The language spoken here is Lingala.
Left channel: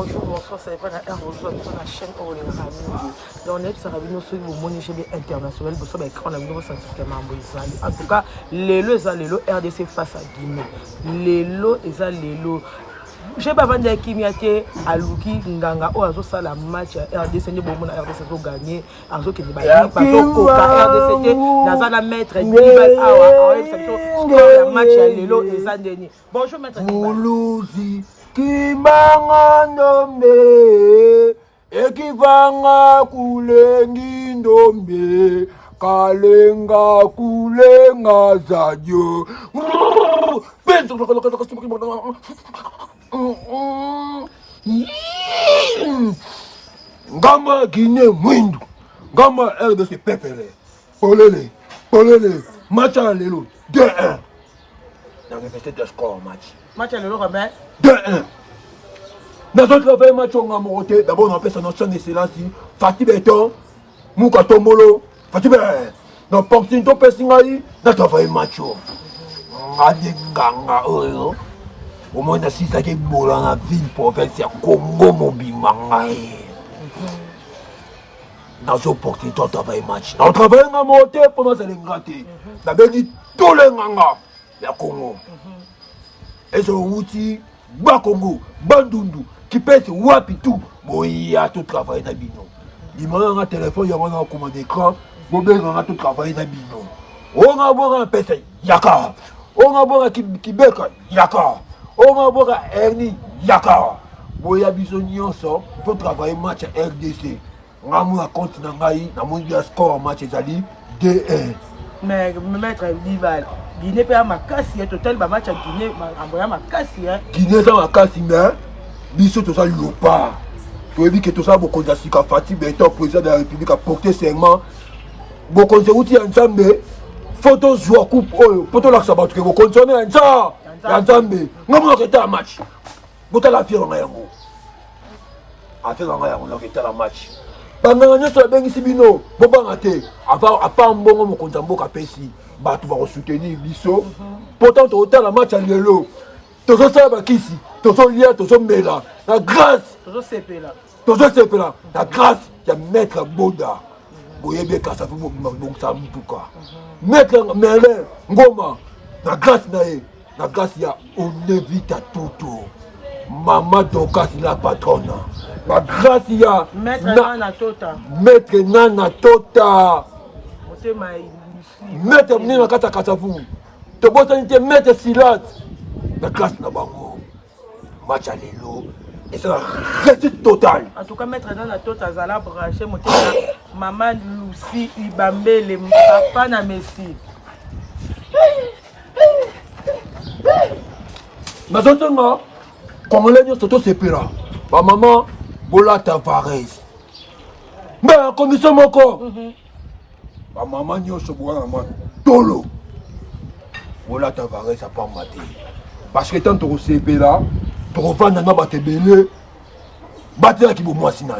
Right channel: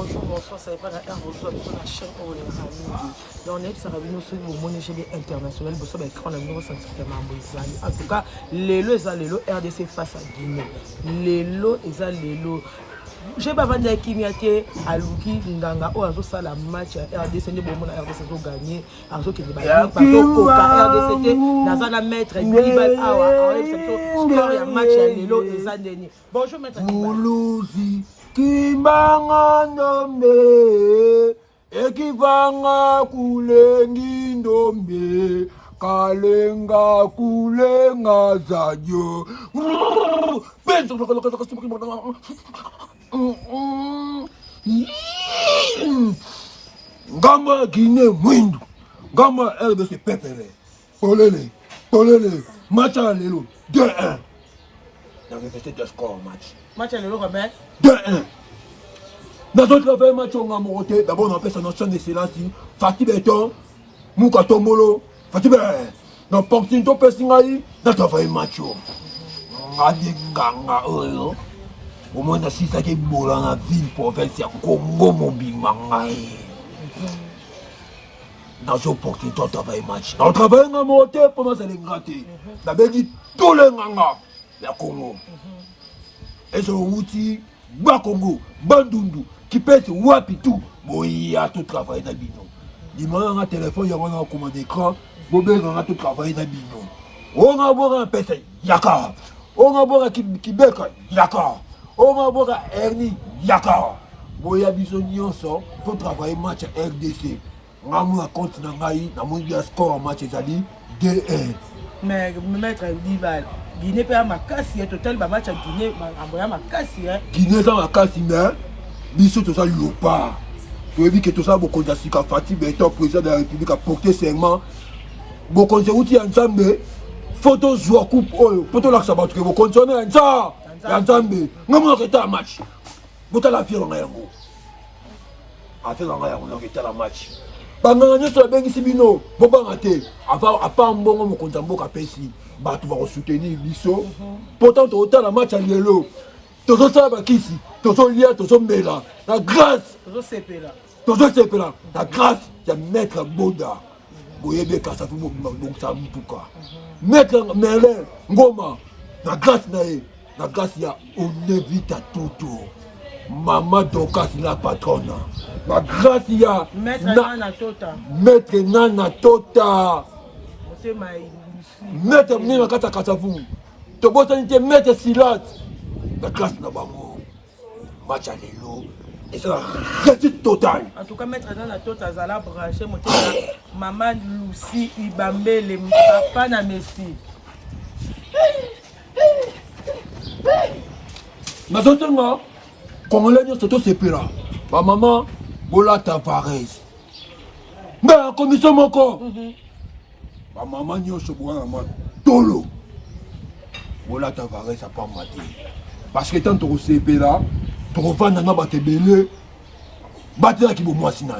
bonjour, bonsoir, ça dépend de la chaîne où on est. Donc, on est sur la vidéo sur le monde international. Vous savez, on a vu nos sentiments. En tout cas, les lots, RDC face à Guinée. Les lots, j'ai pas vendu à Kimiate, à Luki, Nganga, ou à la match RDC, ni bon, RDC a gagné, à Zo qui est battu, parce que Coca RDC, Nazana maître, Nibal, score la match à Lelo et Zandeni. Bonjour, maître Moulouzi, qui m'a nommé, et qui va couler n'indomé, Kalenga Kulenga Zadio. Gamba Guinée Mwindu, Gamba RDC Pepere, Polele, match à l'élo, 2-1. Dans le petit de score match. Match à l'élo, Robert 2-1. Dans notre travail match on a monté, d'abord on appelle sa notion de Sélassie, Fatih Beton, Mouka Tomolo, Fatih Beton, dans Portin to Pessingaï, dans travail match on. Adenganga oyo. Au moins, si ça qui est beau dans la ville, province, c'est Congo, Mobimangay. Dans ce porté, on travaille match. On travaille en monté pendant que c'est gâté. D'abord, dit tous les Nganga, il y a Congo. Et ce outil, Bas Congo, Bandundu, qui pèse Wapitou, bon, il y a tout travail dans Bino. Il m'a un téléphone, il y a un commande d'écran, bon, il y a tout travail dans Bino. On a beau un pèse, Yaka. On a beau un Kibeka, Yaka. On va voir Ernie Yaka. Boya Bisonio sort, faut travailler match à RDC. On a mon continent, on a mon score en match Zali 2-1. Mais maître Dival, Guinée peut avoir ma casse, total match à Guinée, envoyer ma casse. Guinée ça ma casse, mais Bissot tout ça lui pas. Tu as vu que tout ça beaucoup de Sika Fatih Beton, président de la République a porté serment. Beaucoup de outils ensemble. Photo joueur coupe, photo là ça va trouver beaucoup de ensemble. Nzambe, ngamo oketa match. Bota la fière ngayango. Affaire ngayango oketa la match. Banganga nyoso bengisi bino, bobanga te. Apa mbongo mokonza mboka pesi, batu va soutenir biso. Pourtant to la match à lelo. Tozo saba kisi, tozo lia, tozo mela. La grâce, tozo sepela. La grâce ya maître Boda. Boyebe kasa fu boksa mpuka. Maître Mele Ngoma, la grâce nae. La grâce, on évite à tout. Maman Dokas, la patronne. La grâce, il y a. Maître Nana Tota. Maître Nana Tota. Maître Nana Kata Katafou. Tu peux Maître Silas. La grâce, n'a pas match à l'élo. Et c'est la réussite totale. En tout cas, Maître Nana Tota, Zala branché, Maman Lucie, Ibambe, les papa na Messi. Mais ce temps, quand on l'a dit, c'est sépara. Ma maman, Bola Tavares. Mais la commission, mon corps. Ma maman, n'y a pas Tolo. Bola Tavares, ça pas maté. Parce que tant que tu es là, tu vas pas te belé. Battre qui vous moi, sinon.